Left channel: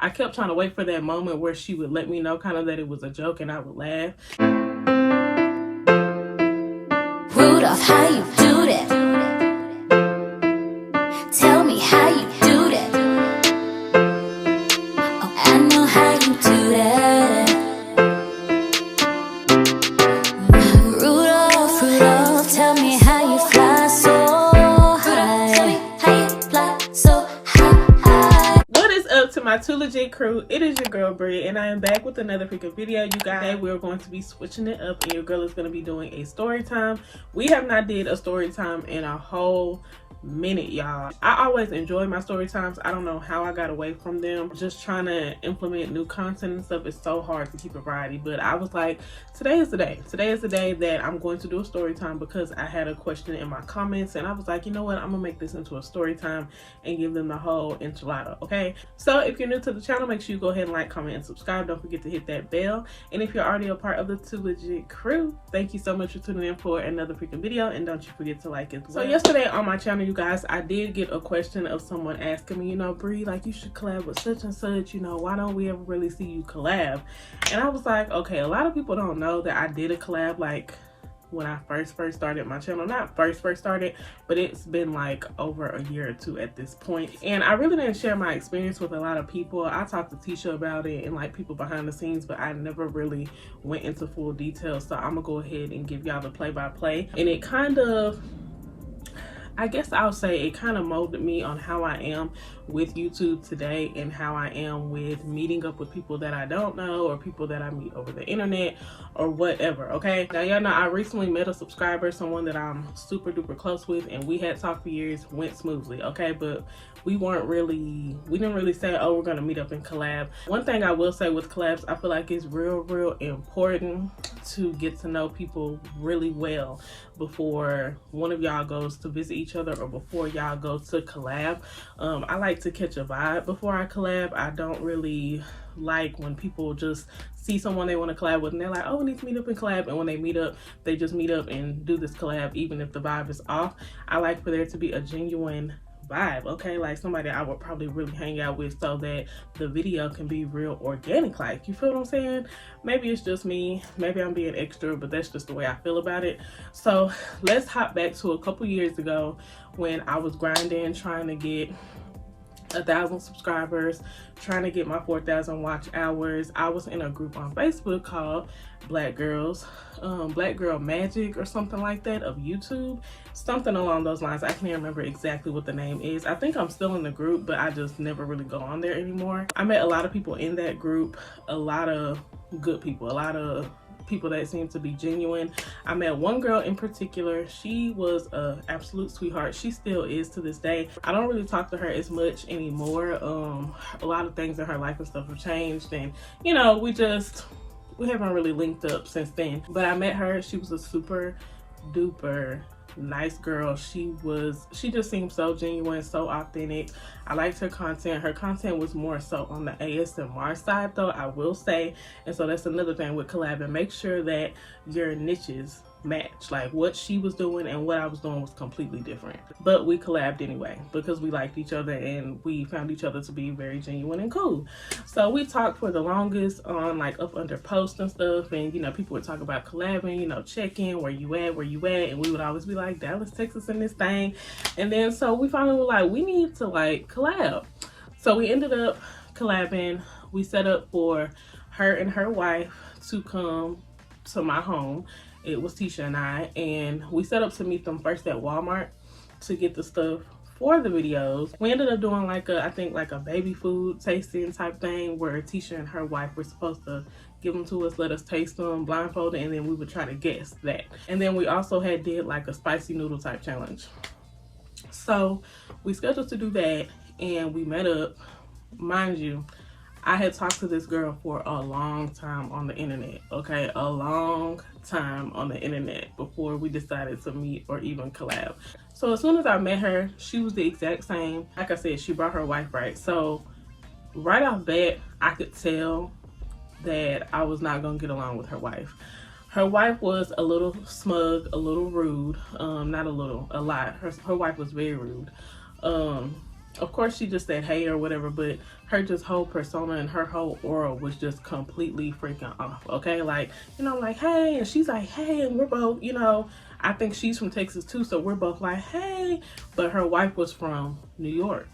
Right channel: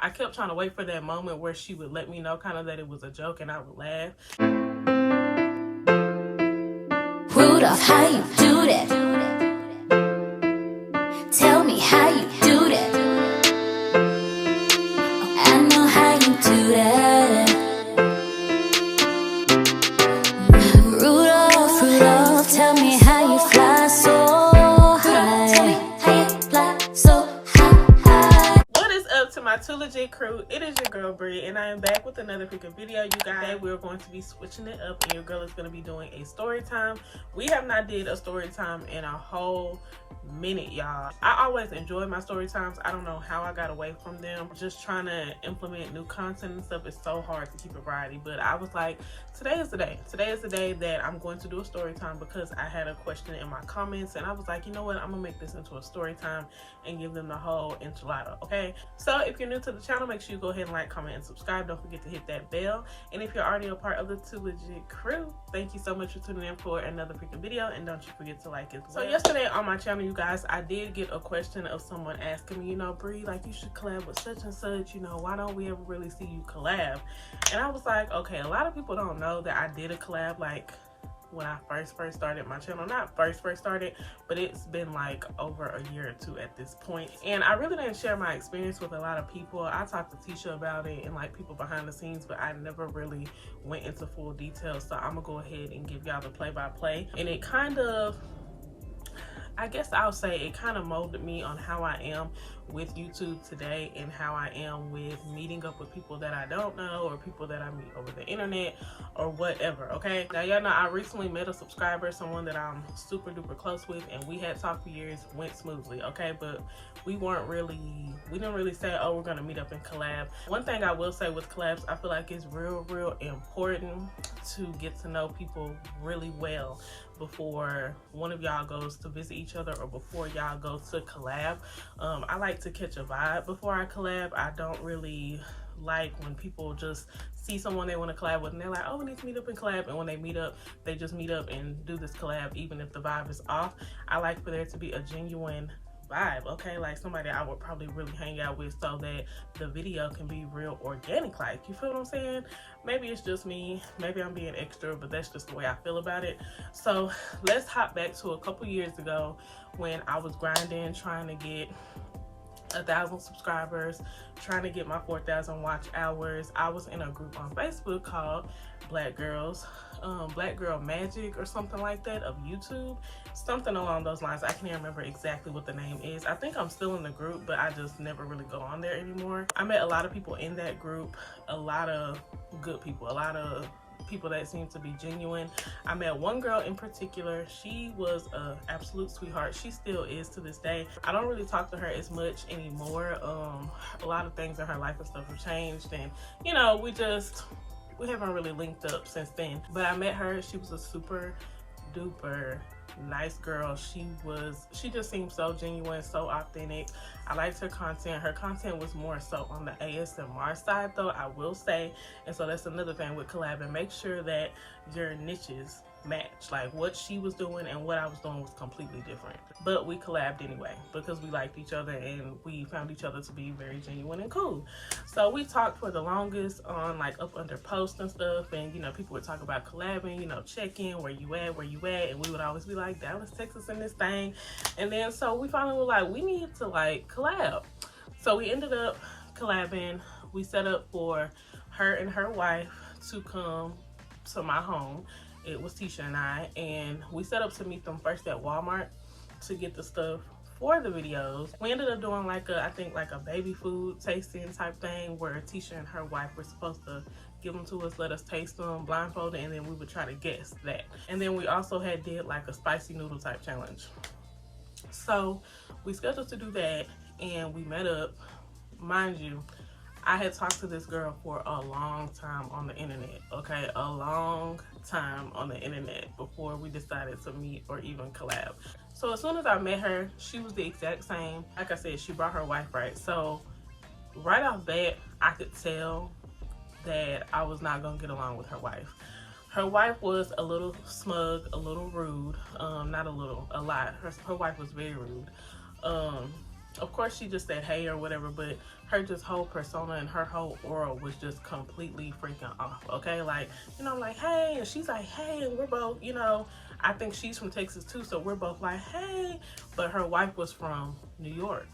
I kept trying to wait for that moment where she would let me know kind of that it was a joke and I would laugh. Rudolph, how you do that? Tell me how you do that. Oh, I know how you do that. Rudolph, Rudolph, tell me how you fly so high. Tell me how you fly so high. What is up to my TooLegit crew? It is your girl Bree, and I am back with another freaking video. You guys, we're going to be switching it up, and your girl is going to be doing a story time. We have not did a story time in a whole minute, y'all. I always enjoy my story times. I don't know how I got away from them. Just trying to implement new content and stuff is so hard to keep a variety, but I was like, today is the day. Today is the day that I'm going to do a story time because I had a question in my comments, and I was like, you know what, I'm gonna make this into a story time and give them the whole enchilada. Okay, so if you're new to the channel, make sure you go ahead and like, comment, and subscribe. Don't forget to hit that bell. And if you're already a part of the TooLegit crew, thank you so much for tuning in for another freaking video, and don't you forget to like it as well. So yesterday on my channel, you guys, I did get a question of someone asking me, you know, Bree, like, you should collab with such and such, you know, why don't we ever really see you collab? And I was like, okay, a lot of people don't know that I did a collab like when I first started my channel. Not first started, but it's been like over a year or two at this point, and I really didn't share my experience with a lot of people. I talked to Tisha about it and like people behind the scenes, but I never really went into full detail. So I'm gonna go ahead and give y'all the play-by-play, and it kind of, I guess I'll say it kind of molded me on how I am with YouTube today and how I am with meeting up with people that I don't know or people that I meet over the internet or whatever. Okay, now y'all know I recently met a subscriber, someone that I'm super duper close with, and we had talked for years, went smoothly. Okay, but we didn't really say, oh, we're gonna meet up and collab. One thing I will say with collabs, I feel like it's real important to get to know people really well before one of y'all goes to visit each other or before y'all go to collab. I like to catch a vibe before I collab. I don't really like when people just see someone they want to collab with and they're like, oh, we need to meet up and collab, and when they meet up, they just meet up and do this collab even if the vibe is off. I like for there to be a genuine vibe, okay, like somebody I would probably really hang out with so that the video can be real organic, like, you feel what I'm saying? Maybe it's just me, maybe I'm being extra, but that's just the way I feel about it. So let's hop back to a couple years ago when I was grinding, trying to get 1,000 subscribers, trying to get my 4,000 watch hours. I was in a group on Facebook called Black Girl Magic or something like that of YouTube, something along those lines. I can't remember exactly what the name is. I think I'm still in the group, but I just never really go on there anymore. I met a lot of people in that group, a lot of good people, a lot of people that seem to be genuine. I met one girl in particular. She was an absolute sweetheart. She still is to this day. I don't really talk to her as much anymore. A lot of things in her life and stuff have changed, and you know, we haven't really linked up since then. But I met her. She was a super duper nice girl. She just seemed so genuine, so authentic. I liked her content. Her content was more so on the ASMR side, though, I will say. And so that's another thing with collabing. Make sure that your niches match. Like, what she was doing and what I was doing was completely different, but we collabed anyway because we liked each other and we found each other to be very genuine and cool. So we talked for the longest on like up under posts and stuff, and you know, people would talk about collabing, you know, check-in, where you at, and we would always be like, Dallas, Texas in this thing. And then so we finally were like, we need to like collab. So we ended up collabing. We set up for her and her wife to come to my home. It was Tisha and I, and we set up to meet them first at Walmart to get the stuff for the videos. We ended up doing like I think like a baby food tasting type thing where Tisha and her wife were supposed to give them to us, let us taste them blindfolded, and then we would try to guess that. And then we also did like a spicy noodle type challenge. So we scheduled to do that, and we met up. Mind you, I had talked to this girl for a long time on the internet, okay? A long time on the internet before we decided to meet or even collab. So as soon as I met her, she was the exact same. Like I said, she brought her wife, right? So right off bat, I could tell that I was not gonna get along with her wife. Her wife was a little smug, a little rude. Not a little, a lot. Her wife was very rude. Of course, she just said hey or whatever, but her just whole persona and her whole aura was just completely freaking off. Okay, like, you know, like, hey, and she's like, hey, and we're both, you know, I think she's from Texas too, so we're both like, hey, but her wife was from New York.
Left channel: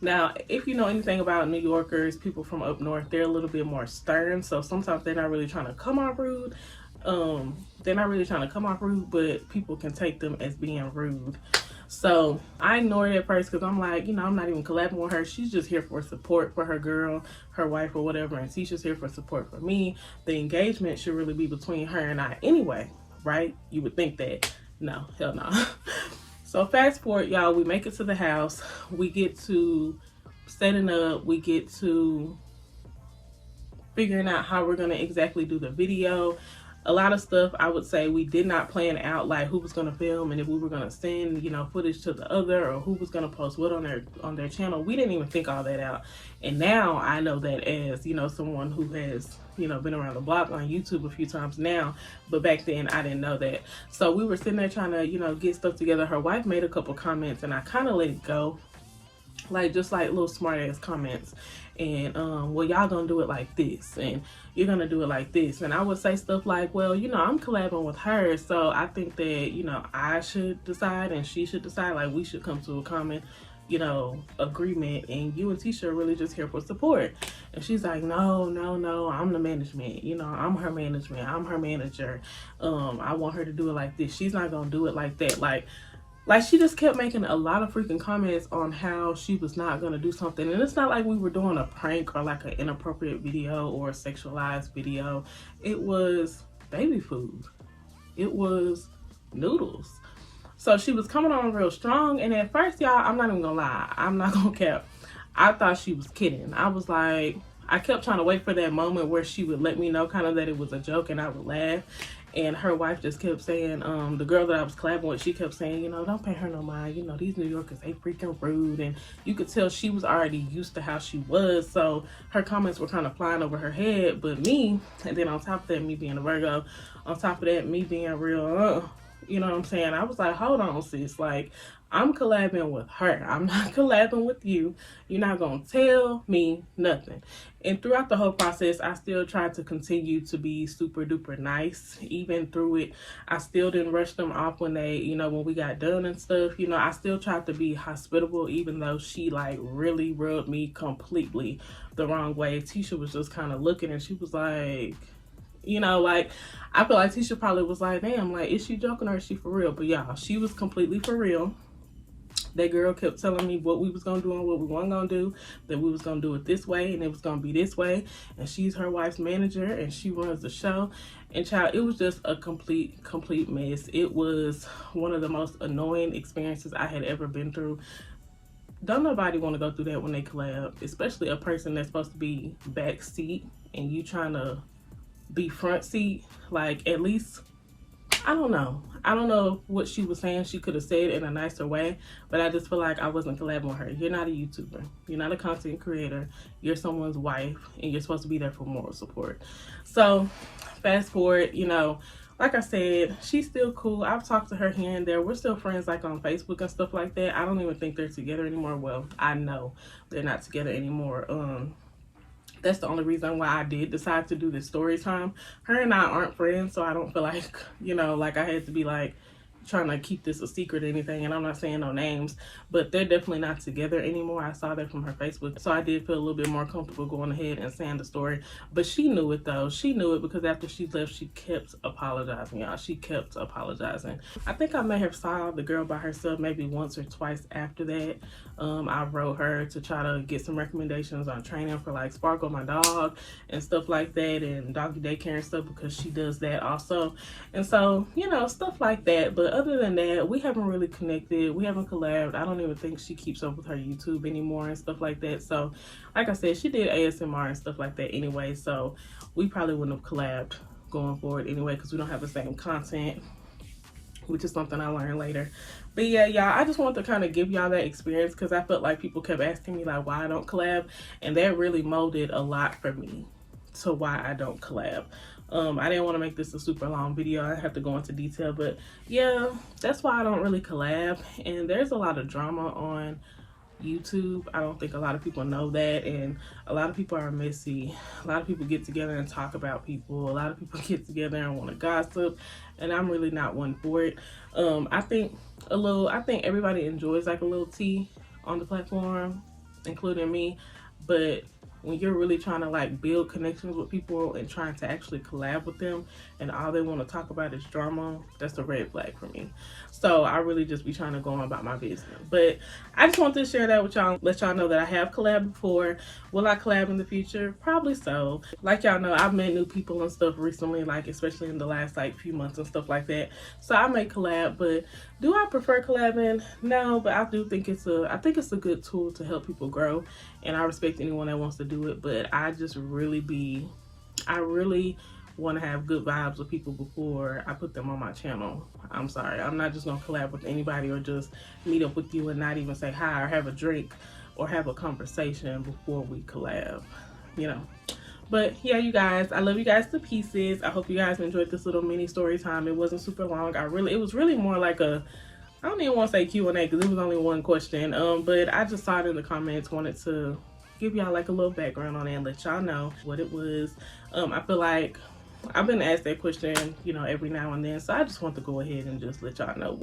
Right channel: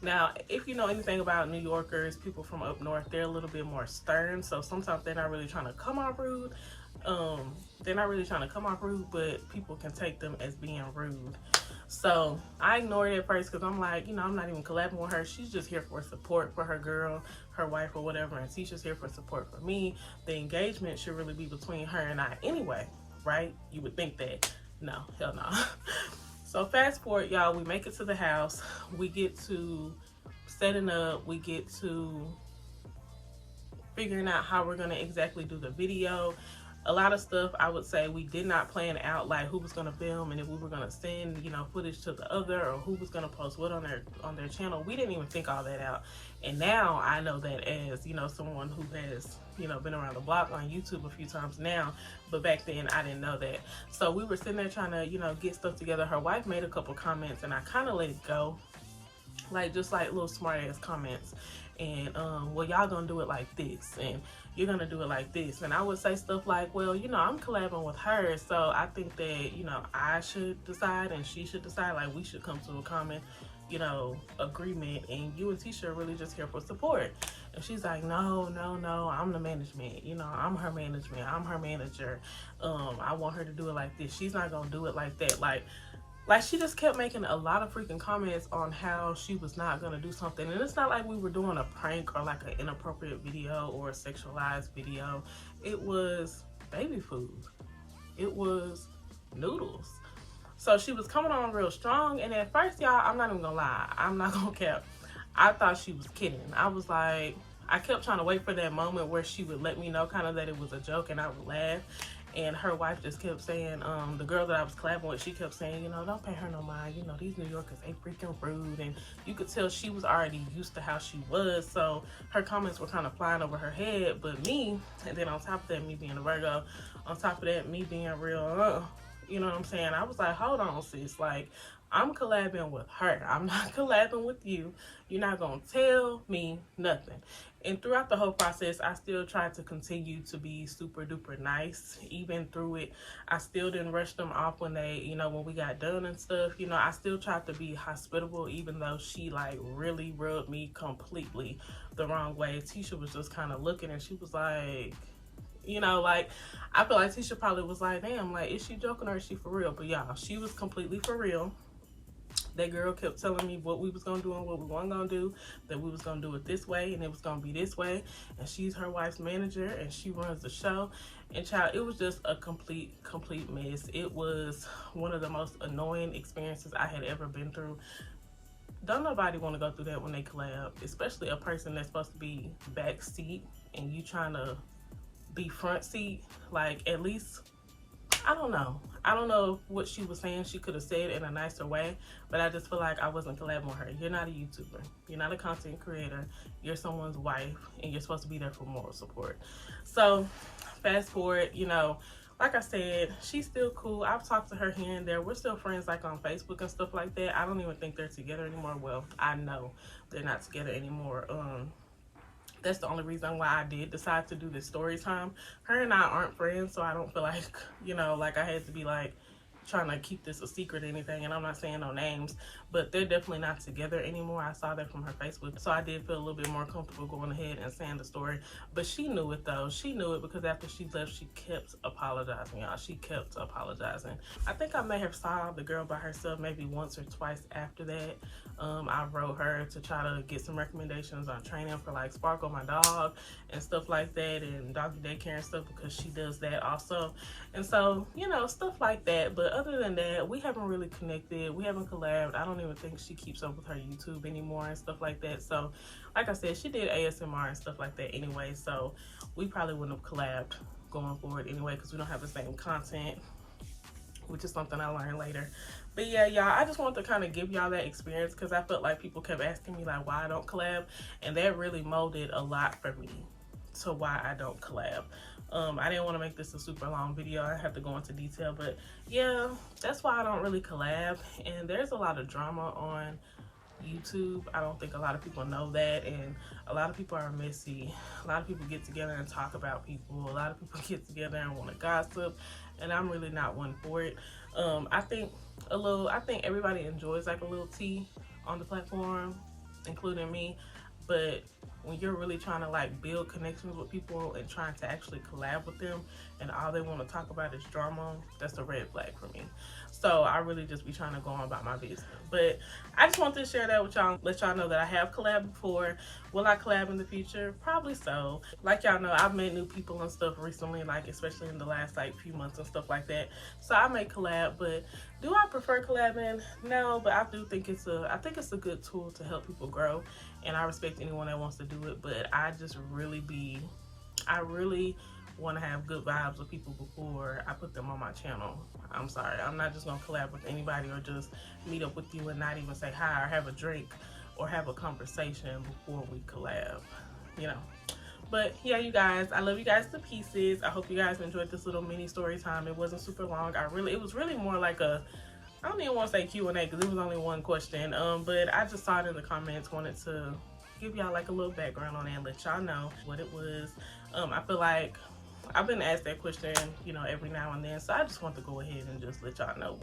Now, if you know anything about New Yorkers, people from up north, they're a little bit more stern, so sometimes they're not really trying to come off rude. They're not really trying to come off rude, but people can take them as being rude. So I ignored it at first because I'm like, you know, I'm not even collabing with her. She's just here for support for her girl, her wife, or whatever. And Tisha's here for support for me. The engagement should really be between her and I anyway, right? You would think that. No, hell no. So fast forward, y'all, we make it to the house. We get to setting up. We get to figuring out how we're going to exactly do the video. A lot of stuff I would say we did not plan out, like who was going to film and if we were going to send, you know, footage to the other, or who was going to post what on their channel. We didn't even think all that out. And now I know that as, you know, someone who has, you know, been around the block on YouTube a few times now, but back then I didn't know that. So we were sitting there trying to, you know, get stuff together. Her wife made a couple comments and I kind of let it go, like just like little smart ass comments. And well, y'all gonna do it like this, and you're gonna do it like this. And I would say stuff like, well, you know, I'm collabing with her, so I think that, you know, I should decide and she should decide, like we should come to a common, you know, agreement, and you and Tisha are really just here for support. And she's like, no, I'm the management, you know, I'm her management, I'm her manager. I want her to do it like this. She's not gonna do it like that. Like she just kept making a lot of freaking comments on how she was not gonna do something. And it's not like we were doing a prank or like an inappropriate video or a sexualized video. It was baby food. It was noodles. So she was coming on real strong. And at first, y'all, I'm not even gonna lie, I'm not gonna cap, I thought she was kidding. I was like, I kept trying to wait for that moment where she would let me know kind of that it was a joke and I would laugh. And her wife just kept saying, the girl that I was collabing with, she kept saying, you know, don't pay her no mind. You know, these New Yorkers, they freaking rude. And you could tell she was already used to how she was. So her comments were kind of flying over her head. But me, and then on top of that, me being a Virgo, on top of that, me being real, you know what I'm saying? I was like, hold on, sis. Like, I'm collabing with her. I'm not collabing with you. You're not going to tell me nothing. And throughout the whole process, I still tried to continue to be super duper nice. Even through it, I still didn't rush them off when they, you know, when we got done and stuff. You know, I still tried to be hospitable, even though she like really rubbed me completely the wrong way. Tisha was just kind of looking and she was like, you know, like, I feel like Tisha probably was like, damn, like, is she joking or is she for real? But y'all, she was completely for real. That girl kept telling me what we was gonna do and what we weren't gonna do, that we was gonna do it this way and it was gonna be this way. And she's her wife's manager and she runs the show. And child, it was just a complete mess. It was one of the most annoying experiences I had ever been through. Don't nobody want to go through that when they collab, especially a person that's supposed to be back seat and you trying to be front seat. Like, at least, I don't know what she was saying. She could have said it in a nicer way, but I just feel like I wasn't collabing with her. You're not a YouTuber. You're not a content creator. You're someone's wife, and you're supposed to be there for moral support. So, fast forward, you know, like I said, she's still cool. I've talked to her here and there. We're still friends, like on Facebook and stuff like that. I don't even think they're together anymore. Well, I know they're not together anymore. That's the only reason why I did decide to do this story time. Her and I aren't friends, so I don't feel like, you know, like I had to be like trying to keep this a secret or anything. And I'm not saying no names, but they're definitely not together anymore. I saw that from her Facebook, so I did feel a little bit more comfortable going ahead and saying the story. But she knew it though. She knew it because after she left, she kept apologizing, y'all. She kept apologizing. I think I may have saw the girl by herself maybe once or twice after that. I wrote her to try to get some recommendations on training for like Sparkle, my dog, and stuff like that, and doggy daycare and stuff, because she does that also. And so, you know, stuff like that. But other than that, we haven't really connected. We haven't collabed. I don't even think she keeps up with her YouTube anymore and stuff like that. So like I said, she did ASMR and stuff like that anyway, so we probably wouldn't have collabed going forward anyway, because we don't have the same content, which is something I learned later. But yeah, y'all, I just wanted to kind of give y'all that experience because I felt like people kept asking me like why I don't collab, and that really molded a lot for me to why I don't collab. I didn't want to make this a super long video. I have to go into detail, but yeah, that's why I don't really collab. And there's a lot of drama on YouTube. I don't think a lot of people know that, and a lot of people are messy. A lot of people get together and talk about people. A lot of people get together and want to gossip, and I'm really not one for it. I think everybody enjoys like a little tea on the platform, including me, but when you're really trying to like build connections with people and trying to actually collab with them and all they want to talk about is drama, that's a red flag for me. So I really just be trying to go on about my business. But I just wanted to share that with y'all, let y'all know that I have collabed before. Will I collab in the future? Probably so. Like y'all know, I've met new people and stuff recently, like especially in the last like few months and stuff like that. So I may collab, but do I prefer collabing? No, but I do think it's a good tool to help people grow, and I respect anyone that wants to do it. But I really want to have good vibes with people before I put them on my channel. I'm sorry, I'm not just gonna collab with anybody or just meet up with you and not even say hi or have a drink or have a conversation before we collab, you know. But yeah, you guys, I love you guys to pieces. I hope you guys enjoyed this little mini story time. It wasn't super long. It was really more like a, I don't even want to say Q&A because it was only one question, but I just saw it in the comments, wanted to give y'all like a little background on it and let y'all know what it was. I feel like I've been asked that question, you know, every now and then, so I just want to go ahead and just let y'all know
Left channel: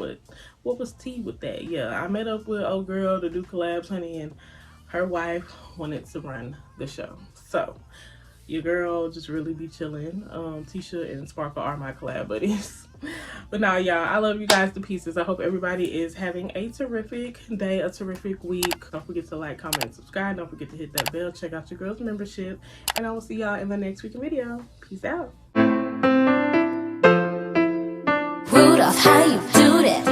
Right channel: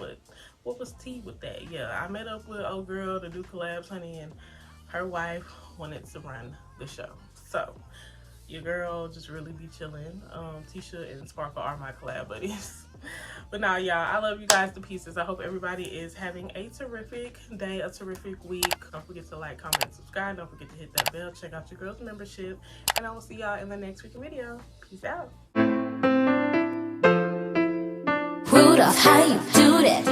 what was tea with that. Yeah, I met up with old girl to do collabs, honey, and her wife wanted to run the show. So your girl just really be chilling. Tisha and Sparkle are my collab buddies. But now, y'all, I love you guys to pieces. I hope everybody is having a terrific day, a terrific week. Don't forget to like, comment, and subscribe. Don't forget to hit that bell. Check out your girl's membership. And I will see y'all in the next week video. Peace out. Rudolph, how you do that?